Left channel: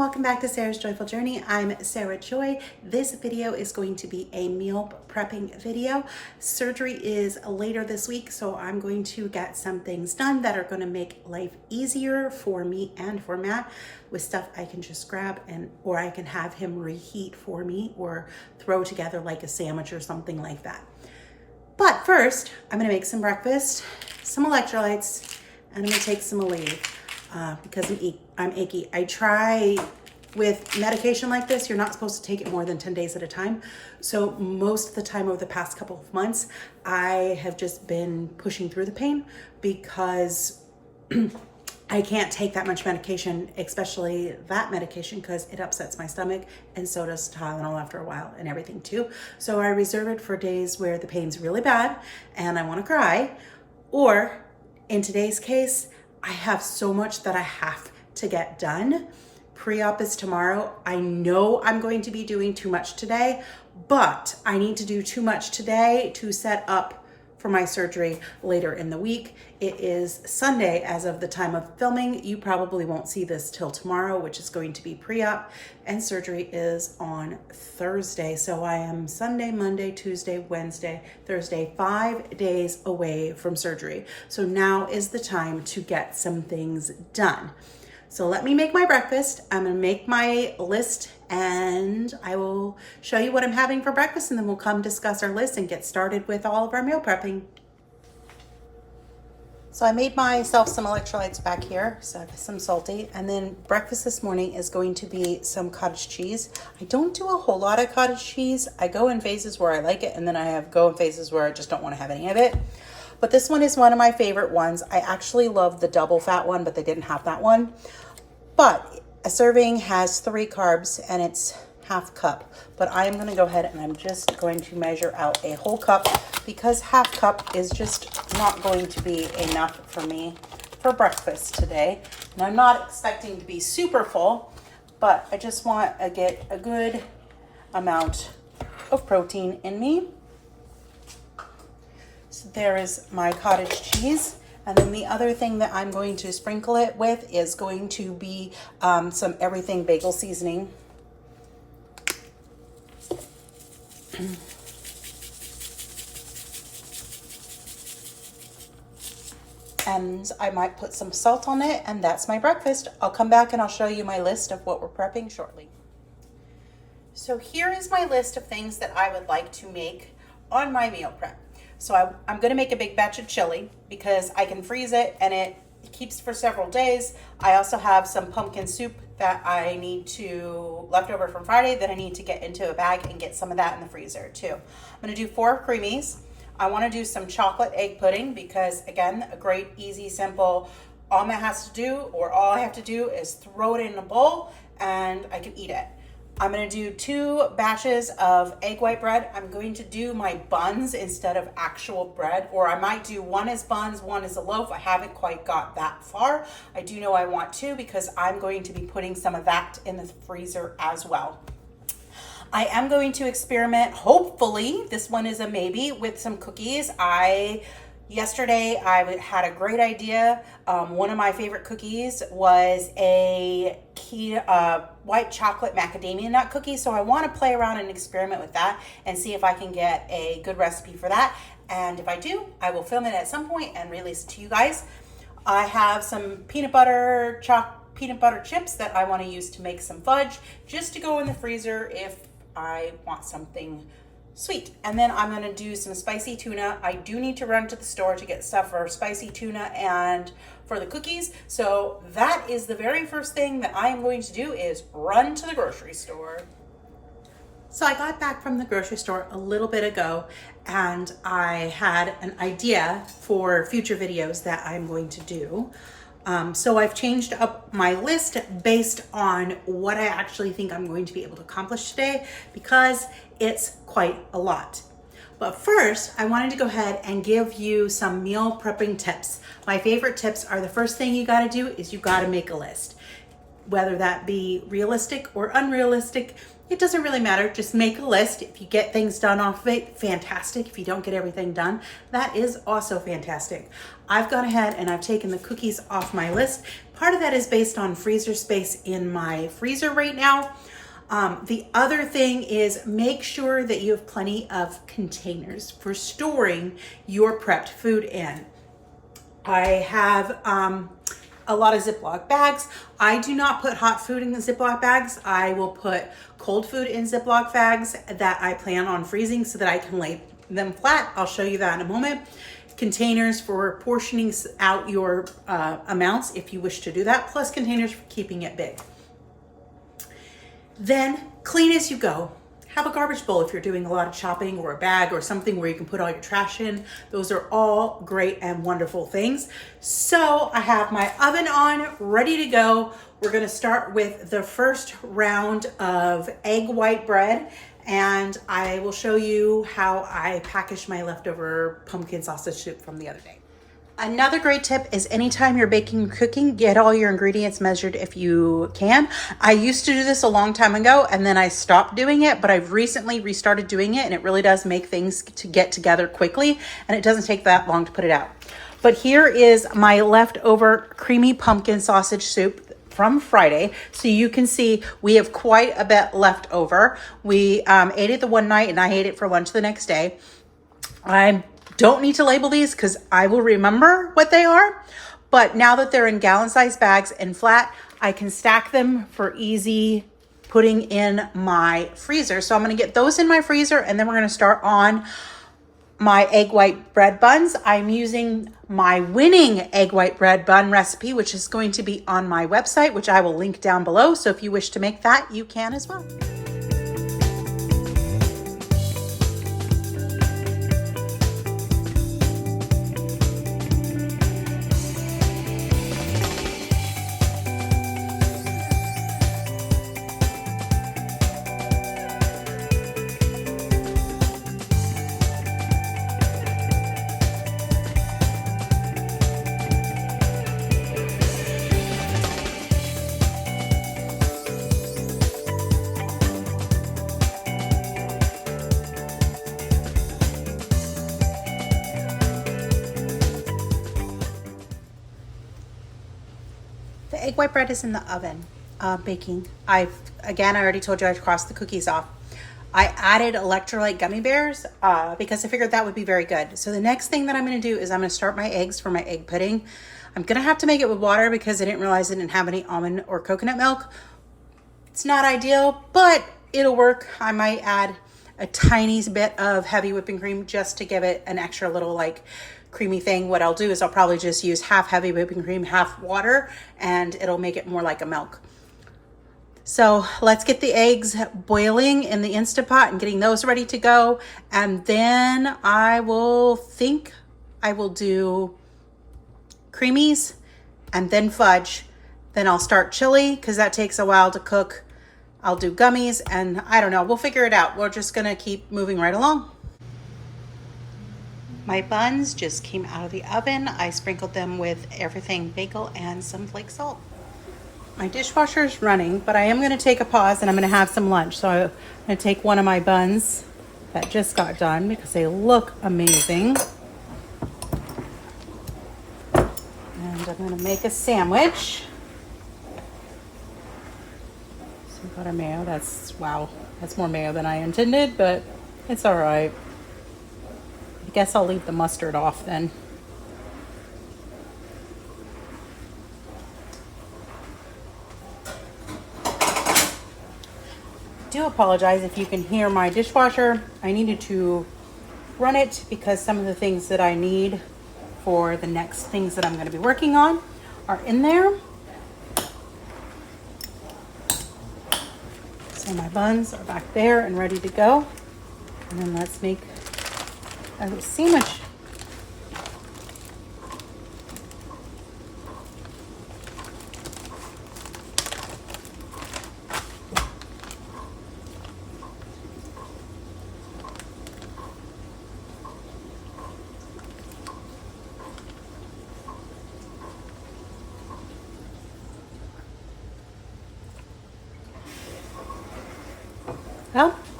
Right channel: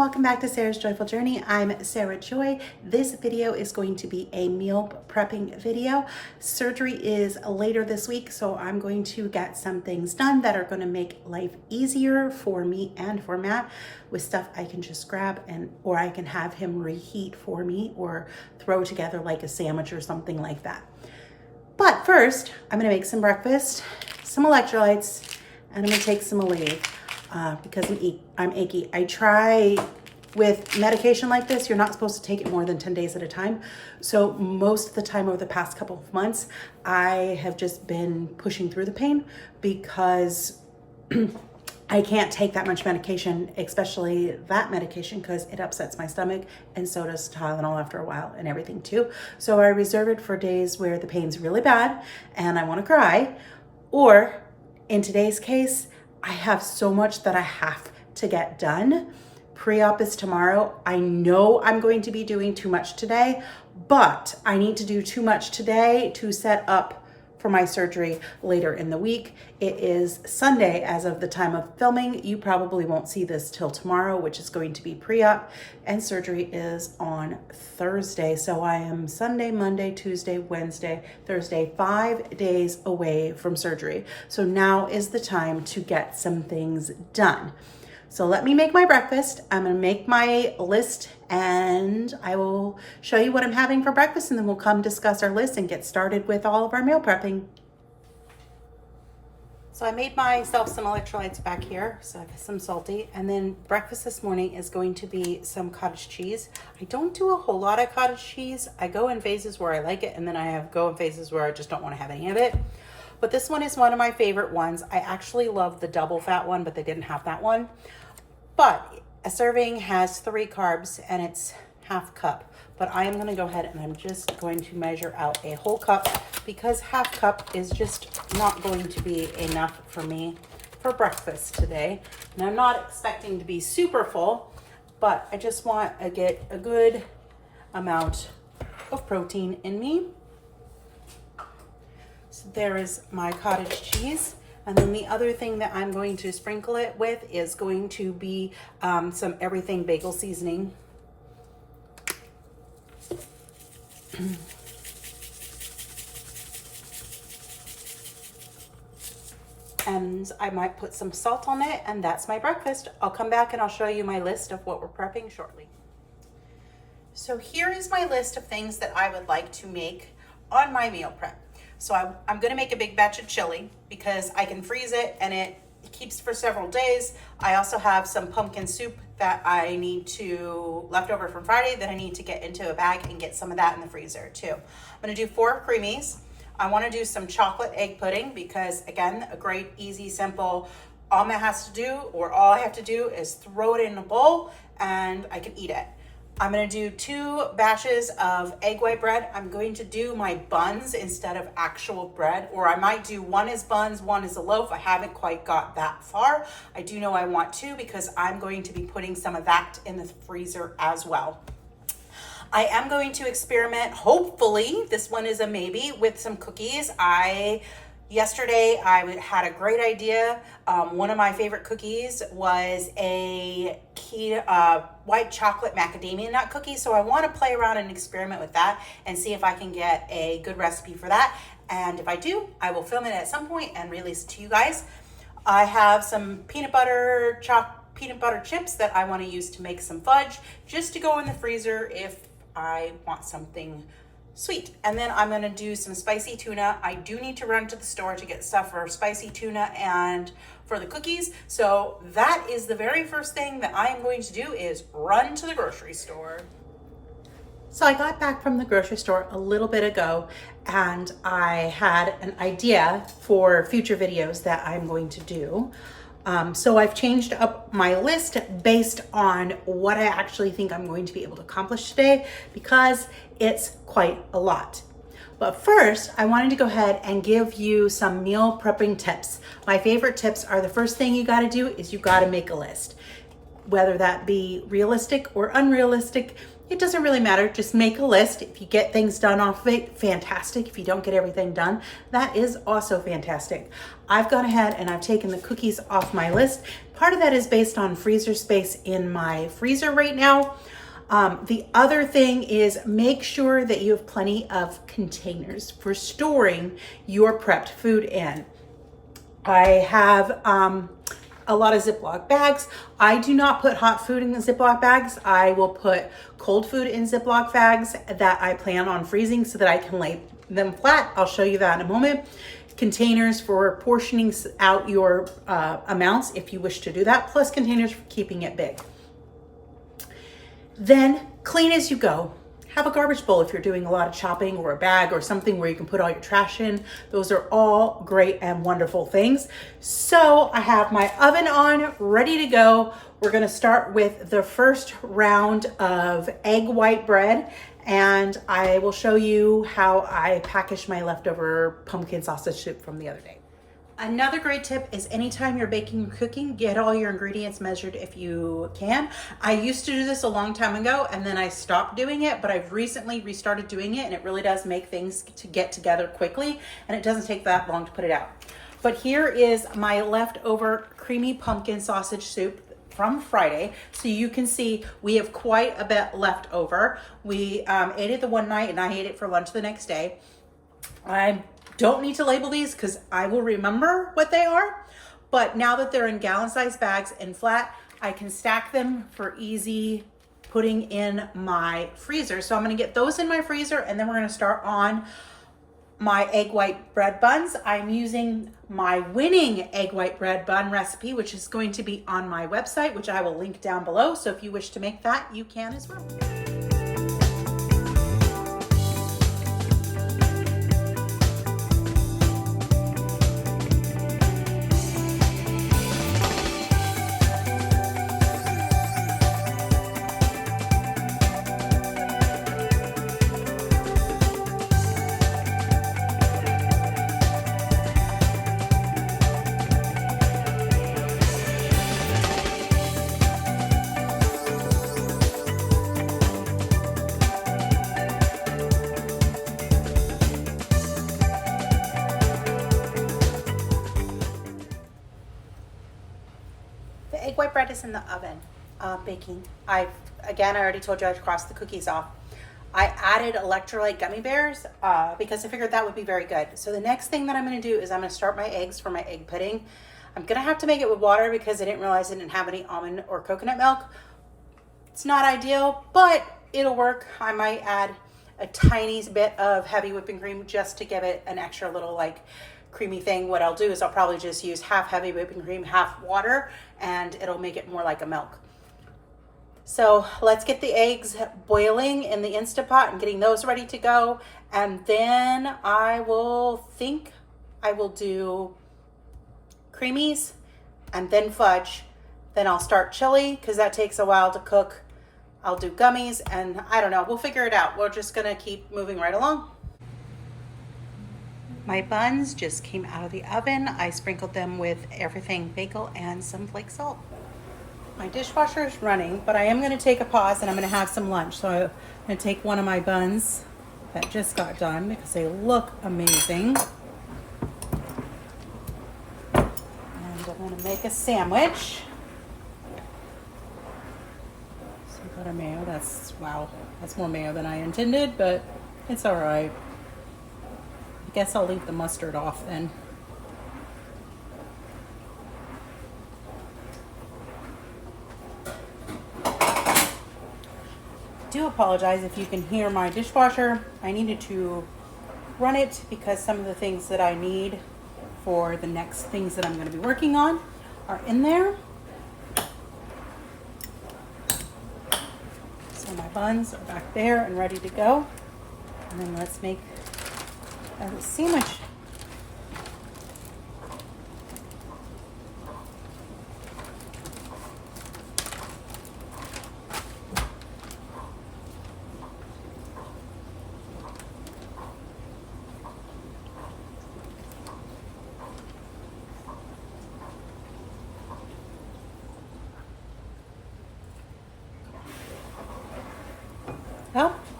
welcome back to Sarah's Joyful Journey. I'm Sarah Joy. This video is going to be a meal prepping video. Surgery is later this week, so I'm going to get some things done that are going to make life easier for me and for Matt with stuff I can just grab or I can have him reheat for me or throw together like a sandwich or something like that. But first, I'm going to make some breakfast, some electrolytes, and I'm going to take some Aleve. Because I'm achy. I try with medication like this, you're not supposed to take it more than 10 days at a time. So most of the time over the past couple of months, I have just been pushing through the pain because I can't take that much medication, especially that medication, because it upsets my stomach, and so does Tylenol after a while and everything too. So I reserve it for days where the pain's really bad and I want to cry, or in today's case, I have so much that I have to get done. Pre-op is tomorrow. I know I'm going to be doing too much today, but I need to do too much today to set up for my surgery later in the week. It is Sunday as of the time of filming. You probably won't see this till tomorrow, which is going to be pre-op, and surgery is on Thursday. So I am Sunday, Monday, Tuesday, Wednesday, Thursday, 5 days away from surgery. So now is the time to get some things done. So let me make my breakfast. I'm gonna make my list and I will show you what I'm having for breakfast, and then we'll come discuss our list and get started with all of our meal prepping. So I made myself some electrolytes back here, so some salty, and then breakfast this morning is going to be some cottage cheese. I don't do a whole lot of cottage cheese. I go in phases where I like it, and then I go in phases where I just don't want to have any of it. But this one is one of my favorite ones. I actually love the double fat one, but they didn't have that one. But a serving has 3 carbs and it's half cup. But I am going to go ahead and I'm just going to measure out a whole cup, because half cup is just not going to be enough for me for breakfast today. And I'm not expecting to be super full, but I just want to get a good amount of protein in me. So there is my cottage cheese. And then the other thing that I'm going to sprinkle it with is going to be some everything bagel seasoning. And I might put some salt on it, and that's my breakfast. I'll come back and I'll show you my list of what we're prepping shortly. So here is my list of things that I would like to make on my meal prep. So I'm gonna make a big batch of chili because I can freeze it and it keeps for several days. I also have some pumpkin soup that I need to, leftover from Friday, that I need to get into a bag and get some of that in the freezer too. I'm gonna do 4 creamies. I wanna do some chocolate egg pudding because, again, a great, easy, simple, all Matt has to do, or all I have to do, is throw it in a bowl and I can eat it. I'm gonna do 2 batches of egg white bread. I'm going to do my buns instead of actual bread, or I might do one as buns, one as a loaf. I haven't quite got that far. I do know I want to, because I'm going to be putting some of that in the freezer as well. I am going to experiment, hopefully, this one is a maybe, with some cookies. Yesterday, I had a great idea. One of my favorite cookies was a white chocolate macadamia nut cookie. So I want to play around and experiment with that and see if I can get a good recipe for that. And if I do, I will film it at some point and release it to you guys. I have some peanut butter chips that I want to use to make some fudge, just to go in the freezer if I want something sweet. And then I'm gonna do some spicy tuna. I do need to run to the store to get stuff for spicy tuna and for the cookies. So that is the very first thing that I am going to do, is run to the grocery store. So I got back from the grocery store a little bit ago, and I had an idea for future videos that I'm going to do. So I've changed up my list based on what I actually think I'm going to be able to accomplish today, because it's quite a lot. But first, I wanted to go ahead and give you some meal prepping tips. My favorite tips are, the first thing you gotta do is you gotta make a list. Whether that be realistic or unrealistic, It doesn't really matter. Just make a list. If you get things done off of it, fantastic. If you don't get everything done, that is also fantastic. I've gone ahead and I've taken the cookies off my list. Part of that is based on freezer space in my freezer right now. The other thing is make sure that you have plenty of containers for storing your prepped food in. I have a lot of Ziploc bags. I do not put hot food in the Ziploc bags. I will put cold food in Ziploc bags that I plan on freezing so that I can lay them flat. I'll show you that in a moment. Containers for portioning out your amounts if you wish to do that, plus containers for keeping it big. Then clean as you go. Have a garbage bowl if you're doing a lot of chopping, or a bag or something where you can put all your trash in. Those are all great and wonderful things. So I have my oven on, ready to go. We're gonna start with the first round of egg white bread, and I will show you how I packaged my leftover pumpkin sausage soup from the other day. Another great tip is anytime you're baking or cooking, get all your ingredients measured if you can. I used to do this a long time ago and then I stopped doing it, but I've recently restarted doing it, and it really does make things to get together quickly, and it doesn't take that long to put it out. But here is my leftover creamy pumpkin sausage soup from Friday. So you can see we have quite a bit left over. We ate it the one night and I ate it for lunch the next day. I don't need to label these because I will remember what they are. But now that they're in gallon-sized bags and flat, I can stack them for easy putting in my freezer. So I'm gonna get those in my freezer, and then we're gonna start on my egg white bread buns. I'm using my winning egg white bread bun recipe, which is going to be on my website, which I will link down below. So if you wish to make that, you can as well. The egg white bread is in the oven baking. I already told you I'd crossed the cookies off. I added electrolyte gummy bears because I figured that would be very good. So the next thing that I'm going to do is I'm going to start my eggs for my egg pudding. I'm going to have to make it with water because I didn't realize I didn't have any almond or coconut milk. It's not ideal, but it'll work. I might add a tiny bit of heavy whipping cream just to give it an extra little like creamy thing. What I'll do is I'll probably just use half heavy whipping cream, half water, and it'll make it more like a milk. So let's get the eggs boiling in the Instant Pot and getting those ready to go. And then I will do creamies and then fudge. Then I'll start chili because that takes a while to cook. I'll do gummies, and I don't know, we'll figure it out. We're just gonna keep moving right along. My buns just came out of the oven. I sprinkled them with everything bagel and some flake salt. My dishwasher is running, but I am going to take a pause and I'm going to have some lunch. So I'm going to take one of my buns that just got done because they look amazing. And I'm going to make a sandwich. Some butter mayo. Wow, that's more mayo than I intended, but it's all right. I guess I'll leave the mustard off then. Do apologize if you can hear my dishwasher. I needed to run it because some of the things that I need for the next things that I'm going to be working on are in there. So my buns are back there and ready to go. And then let's make a sandwich.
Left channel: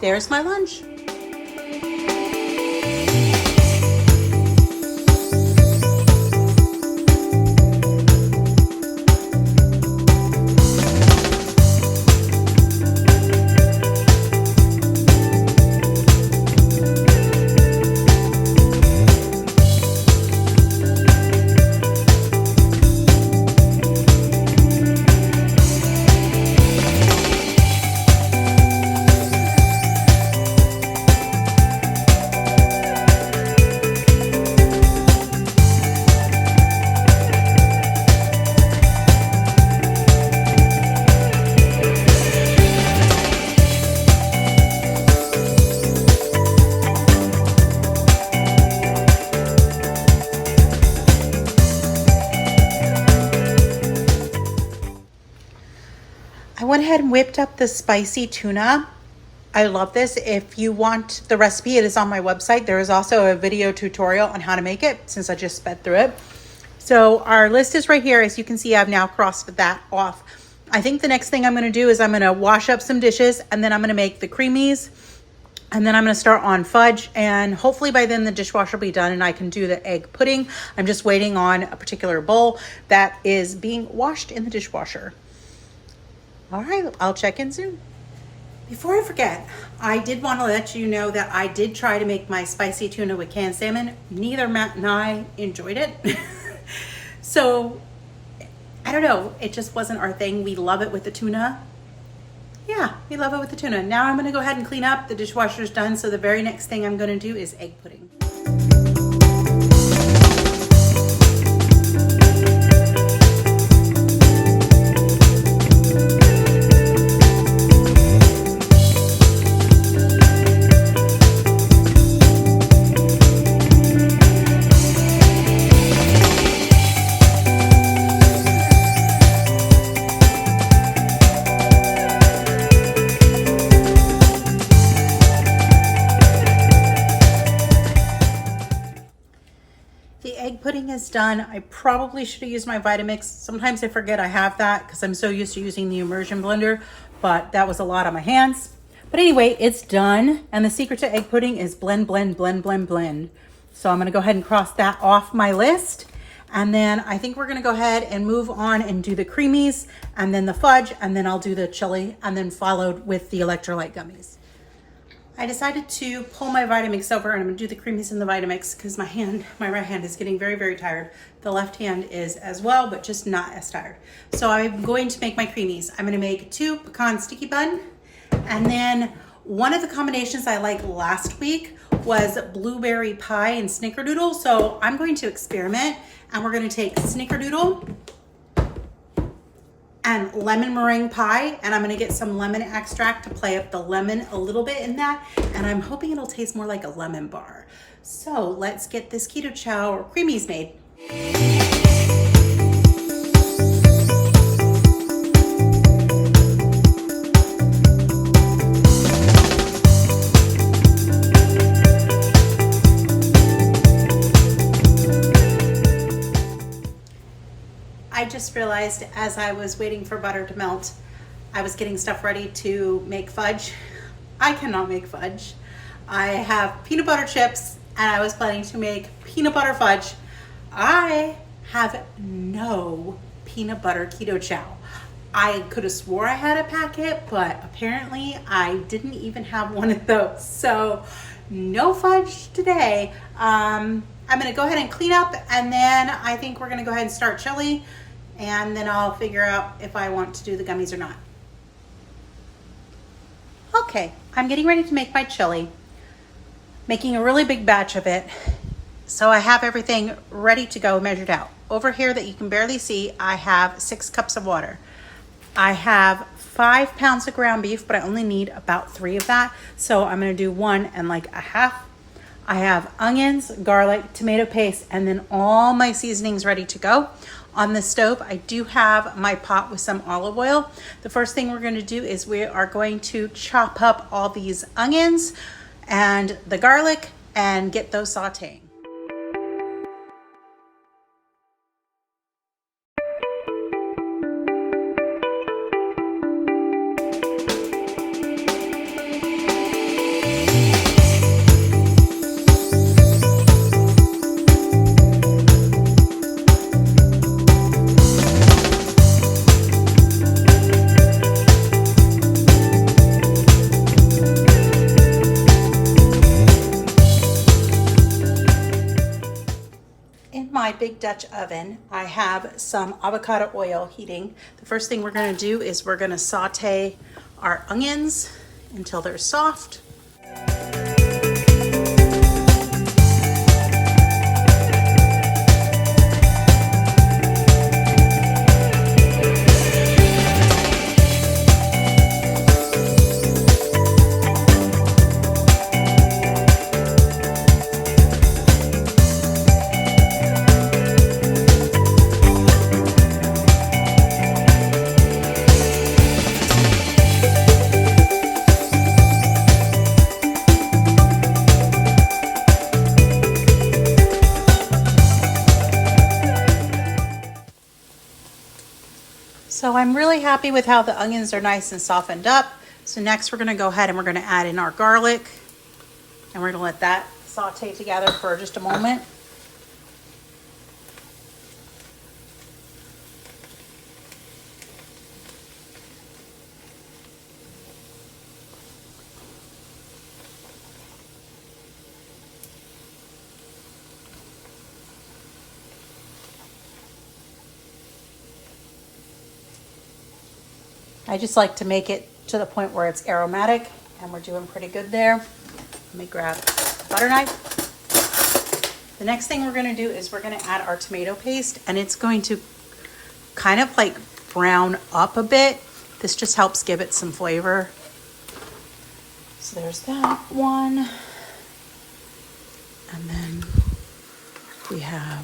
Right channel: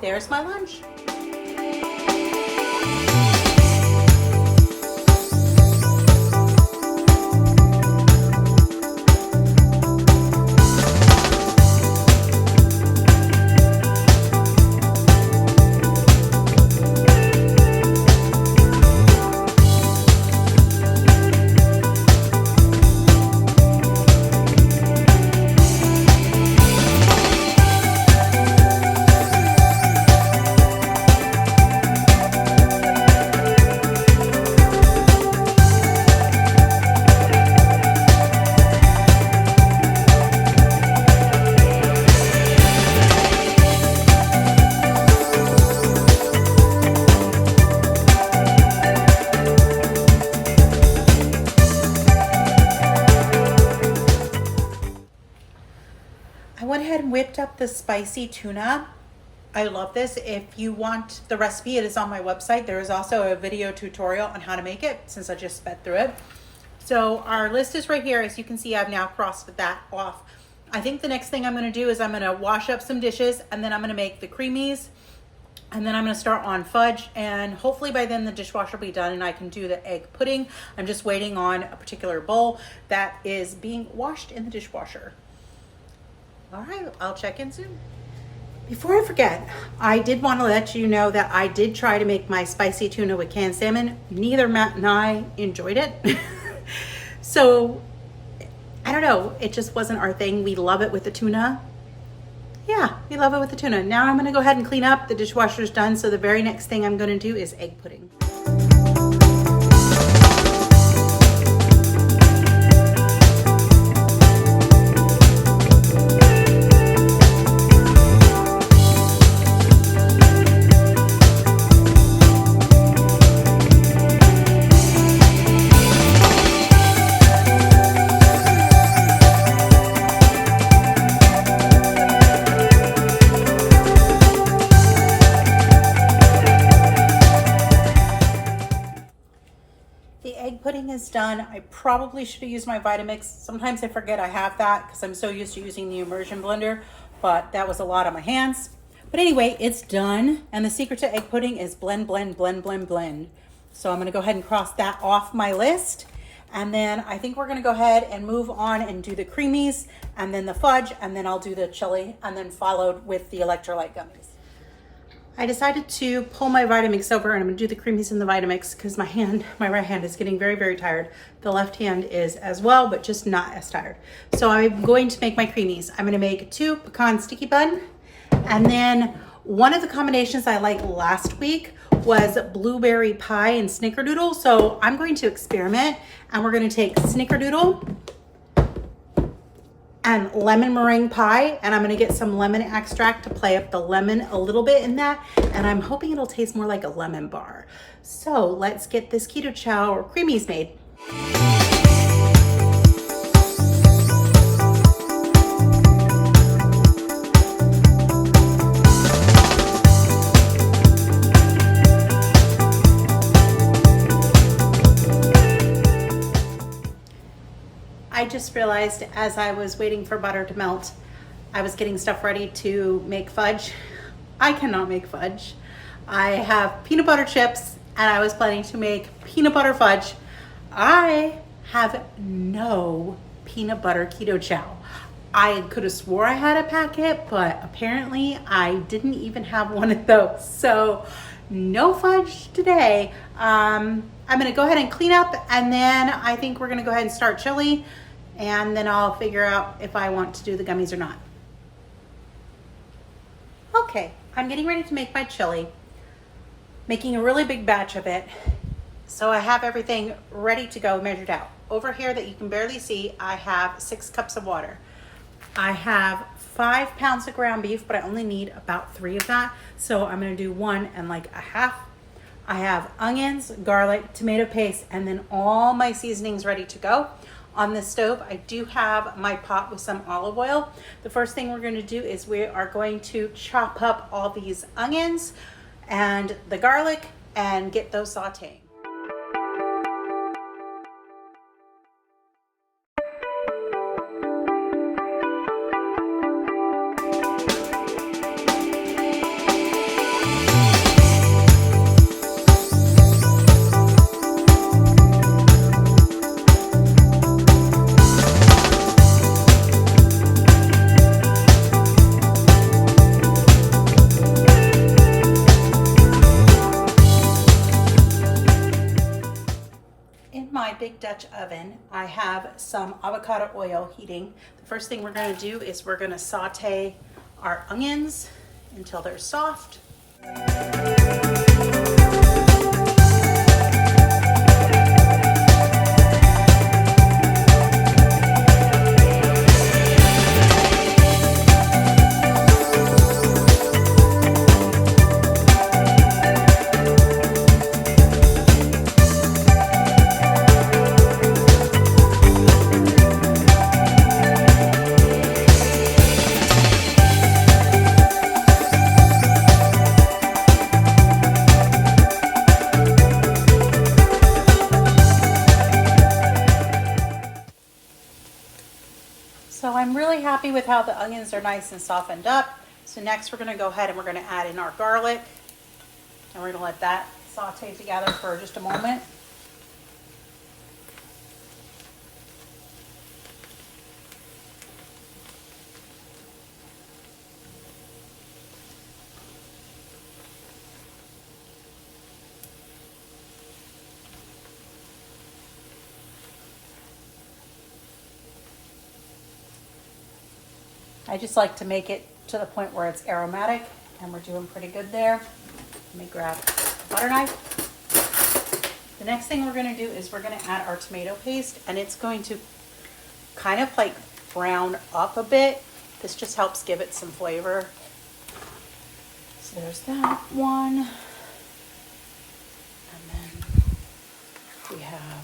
there's my lunch. I went ahead and whipped up the spicy tuna. I love this. If you want the recipe, it is on my website. There is also a video tutorial on how to make it since I just sped through it. So our list is right here. As you can see, I've now crossed that off. I think the next thing I'm going to do is I'm going to wash up some dishes, and then I'm going to make the creamies, and then I'm going to start on fudge, and hopefully by then the dishwasher will be done and I can do the egg pudding. I'm just waiting on a particular bowl that is being washed in the dishwasher. All right, I'll check in soon. Before I forget, I did want to let you know that I did try to make my spicy tuna with canned salmon. Neither Matt and I enjoyed it. So, I don't know, it just wasn't our thing. We love it with the tuna. Yeah, we love it with the tuna. Now I'm gonna go ahead and clean up. The dishwasher's done, so the very next thing I'm gonna do is egg pudding. Done. I probably should have used my Vitamix. Sometimes I forget I have that because I'm so used to using the immersion blender, but that was a lot on my hands. But anyway, it's done. And the secret to egg pudding is blend, blend, blend, blend, blend. So I'm going to go ahead and cross that off my list. And then I think we're going to go ahead and move on and do the creamies and then the fudge, and then I'll do the chili, and then followed with the electrolyte gummies. I decided to pull my Vitamix over, and I'm gonna do the creamies in the Vitamix because my right hand is getting very, very tired. The left hand is as well, but just not as tired. So I'm going to make my creamies. I'm gonna make 2 pecan sticky bun, and then one of the combinations I liked last week was blueberry pie and snickerdoodle. So I'm going to experiment, and we're gonna take snickerdoodle and lemon meringue pie, and I'm gonna get some lemon extract to play up the lemon a little bit in that, and I'm hoping it'll taste more like a lemon bar. So let's get this keto chow or creamies made. I just realized as I was waiting for butter to melt, I was getting stuff ready to make fudge. I cannot make fudge. I have peanut butter chips, and I was planning to make peanut butter fudge. I have no peanut butter keto chow. I could have swore I had a packet, but apparently I didn't even have one of those. So no fudge today. I'm gonna go ahead and clean up, and then I think we're gonna go ahead and start chili, and then I'll figure out if I want to do the gummies or not. Okay, I'm getting ready to make my chili, making a really big batch of it. So I have everything ready to go, measured out. Over here that you can barely see, I have 6 cups of water. I have 5 pounds of ground beef, but I only need about 3 of that. So I'm gonna do 1 and like a half. I have onions, garlic, tomato paste, and then all my seasonings ready to go. On the stove, I do have my pot with some olive oil. The first thing we're going to do is we are going to chop up all these onions and the garlic and get those sauteing. big Dutch oven, I have some avocado oil heating. The first thing we're gonna do is we're gonna saute our onions until they're soft. So I'm really happy with how the onions are nice and softened up. So next we're gonna go ahead and we're gonna add in our garlic, and we're gonna let that saute together for just a moment. I just like to make it to the point where it's aromatic, and we're doing pretty good there. Let me grab a butter knife. The next thing we're gonna do is we're gonna add our tomato paste, and it's going to kind of like brown up a bit. This just helps give it some flavor. So there's that one. And then we have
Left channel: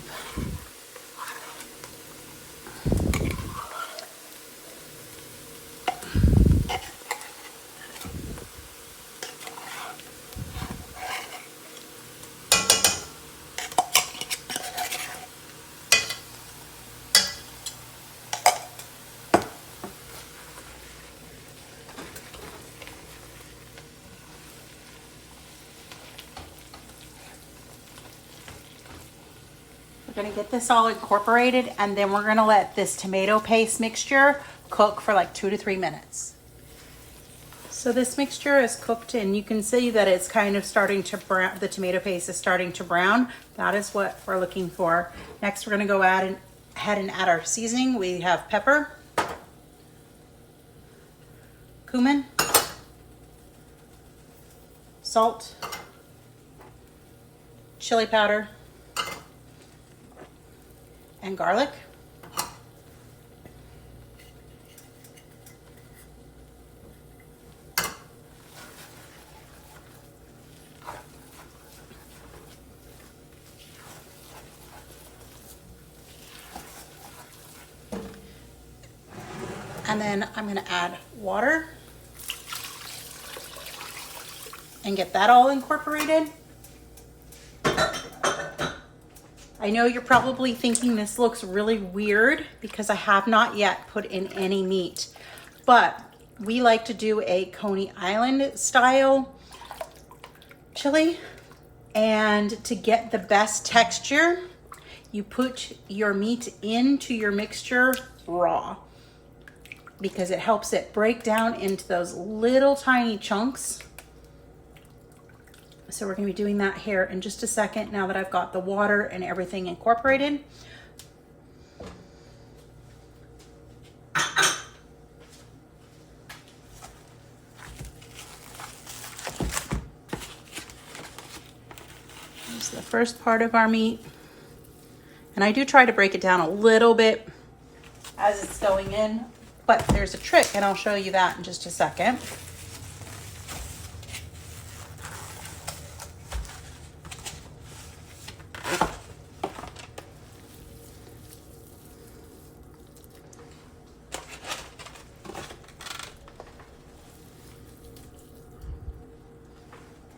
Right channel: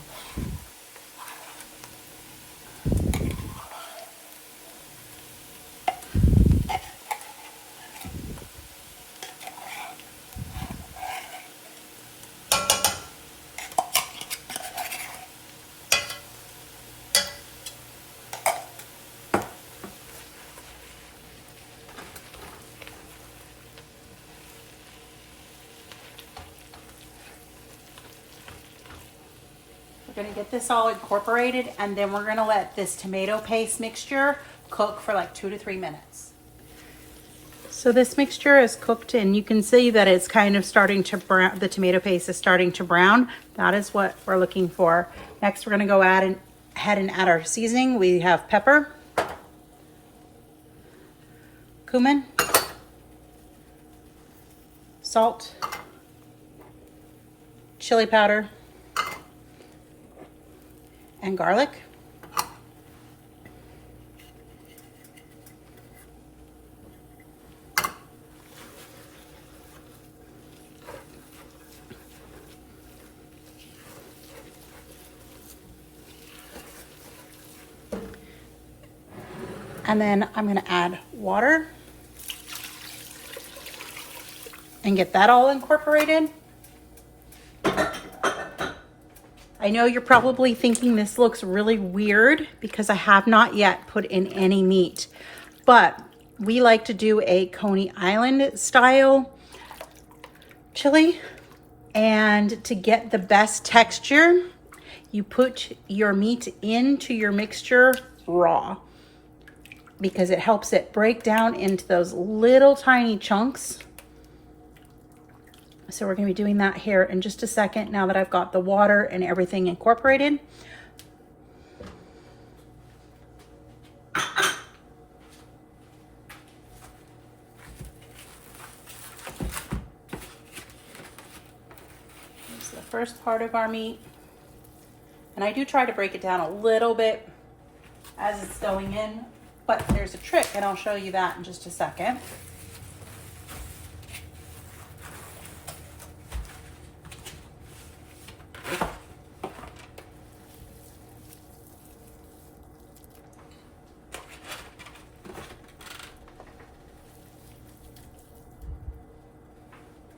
We're gonna get this all incorporated, and then we're gonna let this tomato paste mixture cook for like 2 to 3 minutes. So this mixture is cooked, and you can see that it's kind of starting to brown. The tomato paste is starting to brown. That is what we're looking for. Next, we're gonna go ahead and add our seasoning. We have pepper, cumin, salt, chili powder, and garlic. And then I'm going to add water and get that all incorporated. I know you're probably thinking this looks really weird because I have not yet put in any meat, but we like to do a Coney Island style chili, and to get the best texture, you put your meat into your mixture raw because it helps it break down into those little tiny chunks. So we're gonna be doing that here in just a second now that I've got the water and everything incorporated. Here's the first part of our meat. And I do try to break it down a little bit as it's going in, but there's a trick, and I'll show you that in just a second.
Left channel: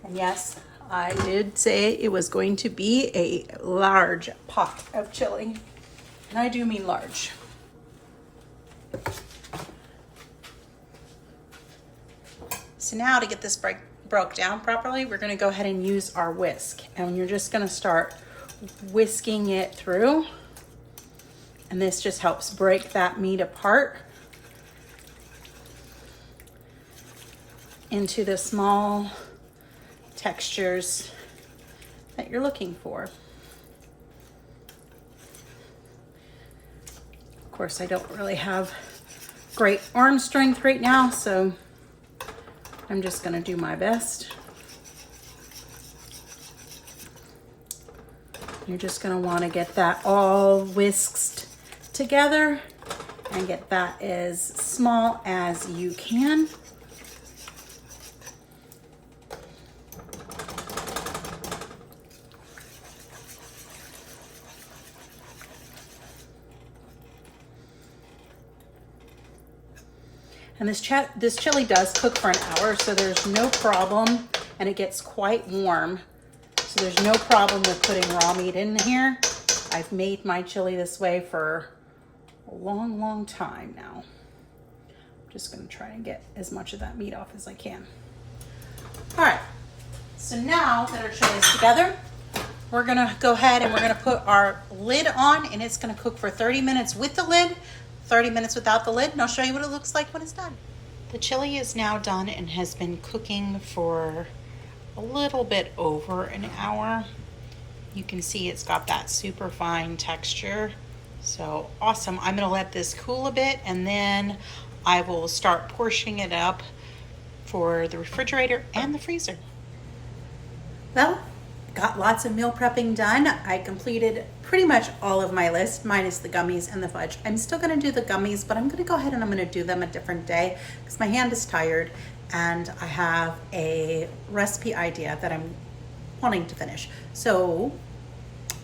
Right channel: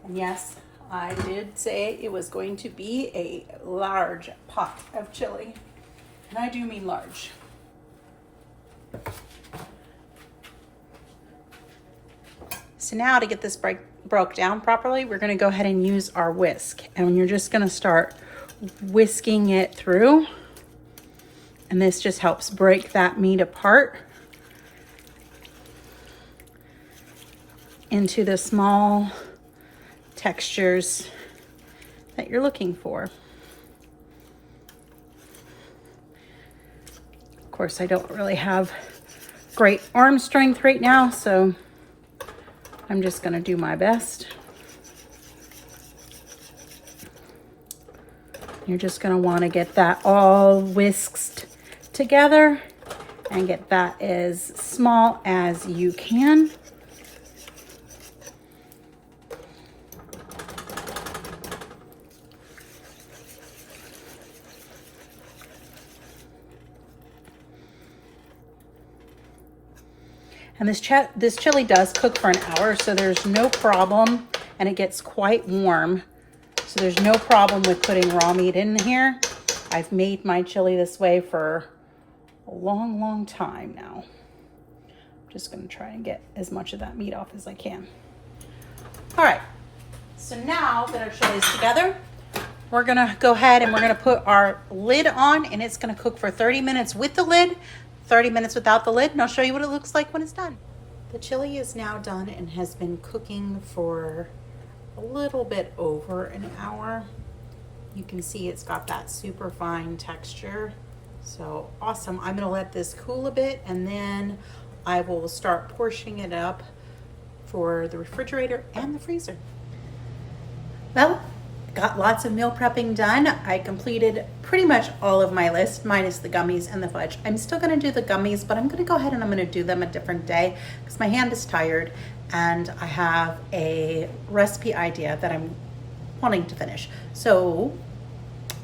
And yes, I did say it was going to be a large pot of chili, and I do mean large. So now to get this broke down properly, we're gonna go ahead and use our whisk, and you're just gonna start whisking it through, and this just helps break that meat apart into the small textures that you're looking for. course, I don't really have great arm strength right now, so I'm just gonna do my best. You're just gonna wanna get that all whisked together and get that as small as you can. And this chili does cook for an hour, so there's no problem, and it gets quite warm. So there's no problem with putting raw meat in here. I've made my chili this way for a long, long time now. I'm just gonna try and get as much of that meat off as I can. All right, so now that our chili's together, we're gonna go ahead and we're gonna put our lid on, and it's gonna cook for 30 minutes with the lid, 30 minutes without the lid, and I'll show you what it looks like when it's done. The chili is now done and has been cooking for a little bit over an hour. You can see it's got that super fine texture. So awesome. I'm gonna let this cool a bit, and then I will start portioning it up for the refrigerator and the freezer. Well, got lots of meal prepping done. I completed pretty much all of my list, minus the gummies and the fudge. I'm still gonna do the gummies, but I'm gonna go ahead and I'm gonna do them a different day because my hand is tired and I have a recipe idea that I'm wanting to finish. So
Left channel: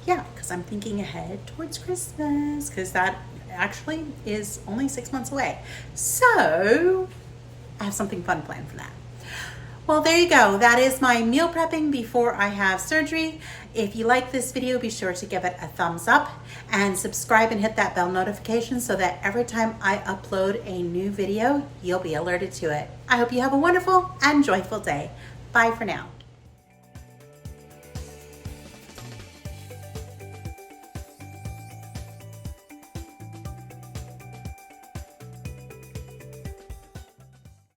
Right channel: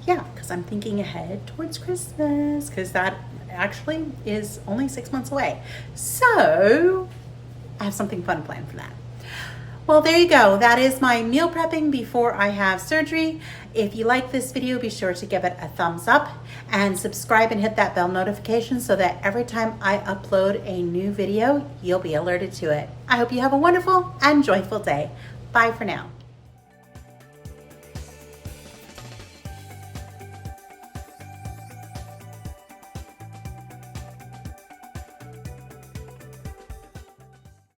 yeah, because I'm thinking ahead towards Christmas, because that actually is only 6 months away. So I have something fun planned for that. Well, there you go. That is my meal prepping before I have surgery. If you like this video, be sure to give it a thumbs up and subscribe and hit that bell notification so that every time I upload a new video, you'll be alerted to it. I hope you have a wonderful and joyful day. Bye for now.